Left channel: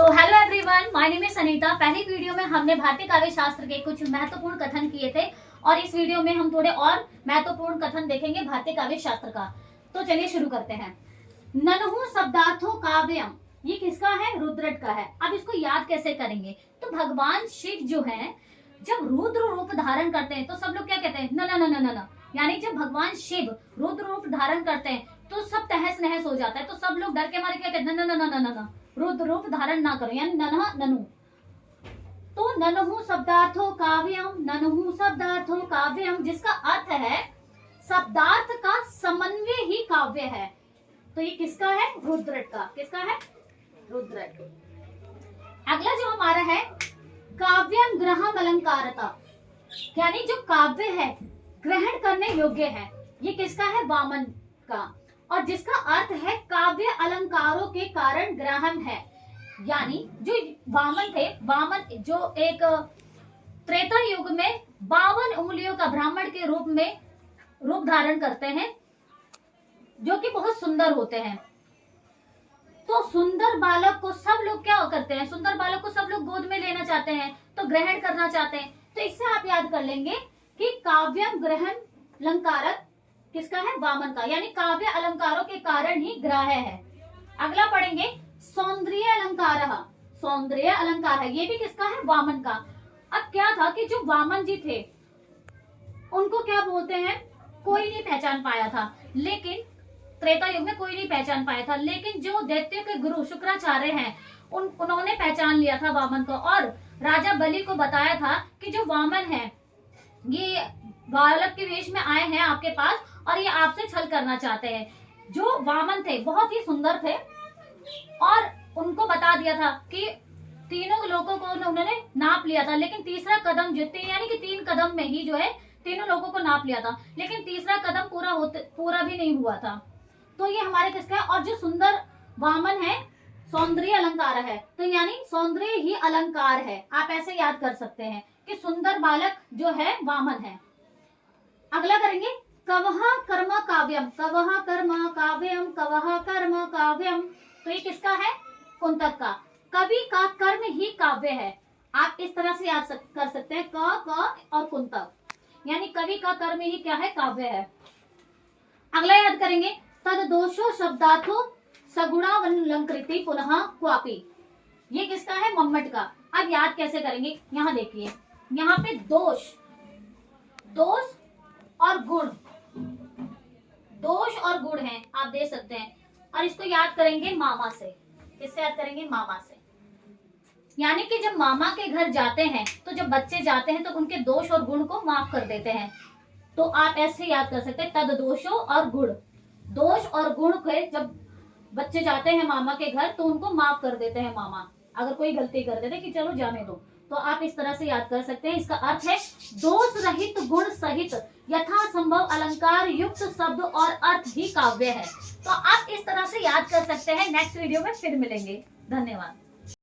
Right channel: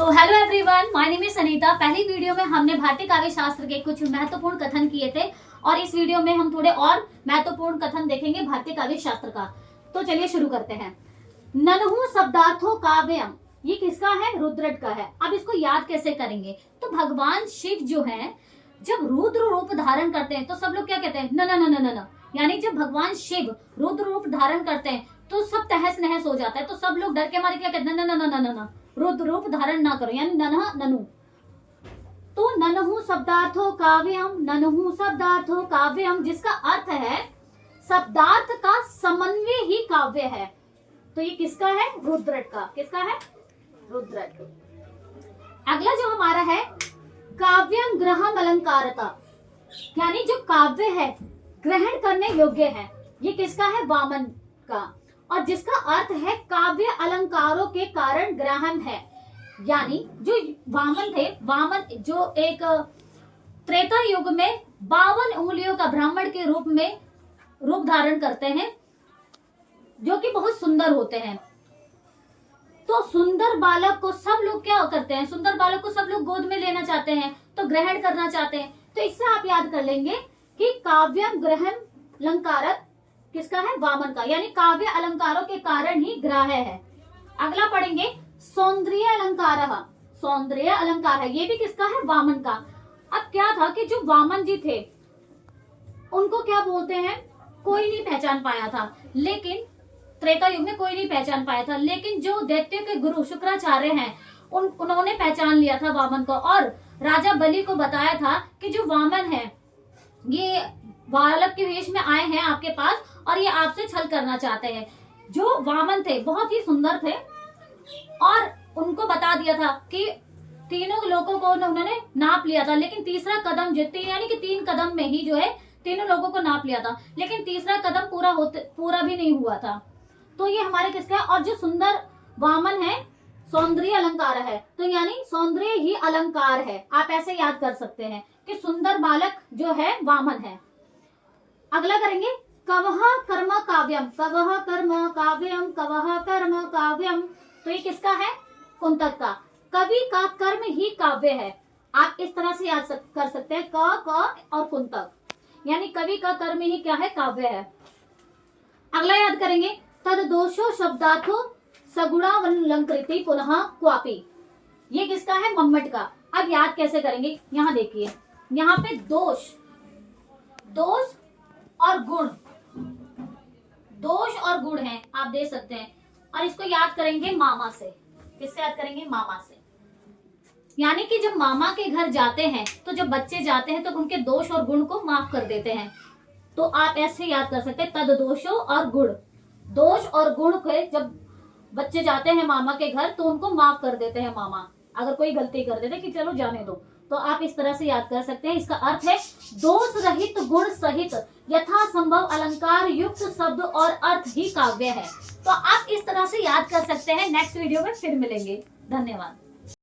So hello everyone, my name is Sunita. पहली video में हमने भारतीय काव्य शास्त्र के कुछ महत्वपूर्ण कथन किए थे और इस वीडियो में हम थोड़े और महत्वपूर्ण कथन देखेंगे भारतीय काव्य शास्त्र का। तो चलिए शुरू करते हैं। नन्हु शब्दार्थो काव्यम, ये किसका है? रुद्रट का है। अब इसको याद कैसे करेंगे? तो भगवान शिव जो है जब रुद्र रूप धारण करते हैं तो सब लोग क्या कहते हैं? न न न न न। यानी जब भगवान शिव रुद्र रूप धारण करते हैं तो सब तहस नहस हो जाता है। तो सब लोग डर के मारे क्या कहते हैं? न न न न न न, रुद्र रूप धारण ना करो, यानी नन्हा ननु। तो नन्हु शब्दार्थो काव्यम, नन्हु शब्दार्थो काव्यम, जिसका अर्थ है शब्दार्थ का समन्वय ही काव्य है। तो ये किसका है? रुद्रट का। किसका है? रुद्रट। अगला जो हमारा है काव्यम ग्रहम अलंकारता, यानी जो काव्य है ग्रहण करने योग्य है। ये किसका है? वामन का। और जिसका अर्थ है काव्य अलंकारों के कारण ग्रहण है। यानी जो वामन थे, वामन जो एक त्रेता युग में 52 उंगलियों का ब्राह्मण के रूप में रूप धारण करते हैं, जो कि बहुत सुंदर होते हैं। तो सुंदर बालक को सब लोग क्या करते हैं? सुंदर बालक को सब लोग गोद में लेना चाहते हैं, तो ग्रहण करना चाहते हैं। तो इससे आप याद कर लेंगे कि काव्यम ग्रहण अलंकारक किसका है? वामन का। यानी काव्य अलंकारों के कारण ही ग्राह्य है। अगला पढ़ेंगे सौंदर्य अलंकार। सौंदर्य अलंकार है, ये भी किसका है? वामन का। अब क्या था कि जो वामन जी थे उनको क्या बोलते हैं? कोई नहीं पहचान पाया था, लेकिन त्रेता युग में कोई नहीं पहचान पाया था। लेकिन जो दैत्य के गुरु शुक्राचार्य हैं उन्होंने पहचान लिया था वामन को, और राजा बलि को बताया था कि जो वामन है ये बालक के वेश में आए हैं आपके पास और ये आपसे छल करना चाहते हैं। जो वामन थे बहुत ही सुंदर थे और उनको बता दिया था कि तीनों लोगों को उन्होंने नाप लिया था, लेकिन तीसरा कदम यानी कि 3 कदम में ही जो है तीनों लोगों को नाप लिया था, लेकिन तीसरा कदम पूरा भी नहीं हुआ था। तो ये हमारे किसका है? और जो सुंदर वामन है सौंदर्य अलंकार है, तो यानी सौंदर्य ही अलंकार है। आप ऐसे याद कर सकते हैं कि सुंदर बालक जो है वामन है। अगला करेंगे कवह कर्म काव्यम, कवह कर्म काव्यम, कवह कर्म काव्यम। तो ये किसका है? कुंतक का। कवि का कर्म ही काव्य है। आप इस तरह से याद कर सकते हैं क और कुंतक, यानी कवि का कर्म ही क्या है? काव्य है। अगला याद करेंगे तद दोषो शब्दार्थो सगुणावलंकृति पुनः क्वापि, ये किसका है? मम्मट का। अब याद कैसे करेंगे? यहाँ देखिए, यहाँ पे दोष और गुण, दोष और गुण है, आप दे सकते हैं। और इसको याद करेंगे मामा से। किससे याद करेंगे? मामा से। यानी कि जब मामा के घर जाते हैं तो जब बच्चे जाते हैं तो उनके दोष और गुण को माफ कर देते हैं। तो आप ऐसे याद कर सकते हैं तद दोषो और गुण, दोष और गुण के जब बच्चे जाते हैं मामा के घर तो उनको माफ कर देते हैं मामा, अगर कोई गलती कर देते कि चलो जाने दो। तो आप इस तरह से याद कर सकते हैं। इसका अर्थ है दोष रहित गुण सहित यथा संभव अलंकार युक्त शब्द और अर्थ ही काव्य है। तो आप इस तरह से याद कर सकते हैं। नेक्स्ट वीडियो में फिर मिलेंगे। धन्यवाद।